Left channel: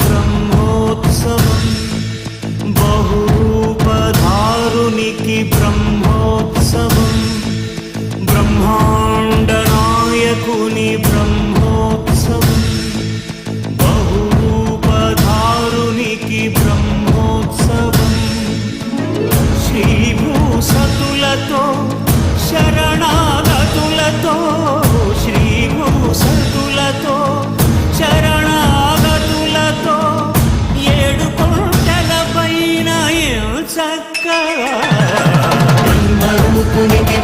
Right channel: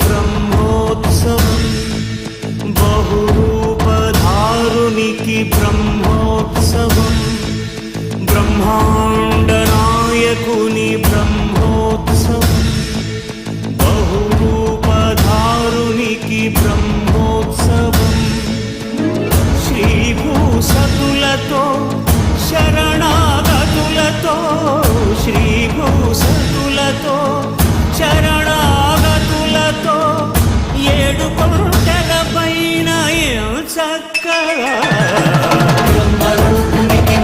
బ్రహ్మోత్సవం బహురూపధారునికి బ్రహ్మోత్సవం బ్రహ్మాండ నాయకుని బ్రహ్మోత్సవం బహురూపధారునికి బ్రహ్మోత్సవం శ్రీభూసతులతో శరణాగతులతో శ్రీభూసతులతో శరణాగతులతో ఏడు కొండల పైన చక్కగా బ్రహ్మరూపునికి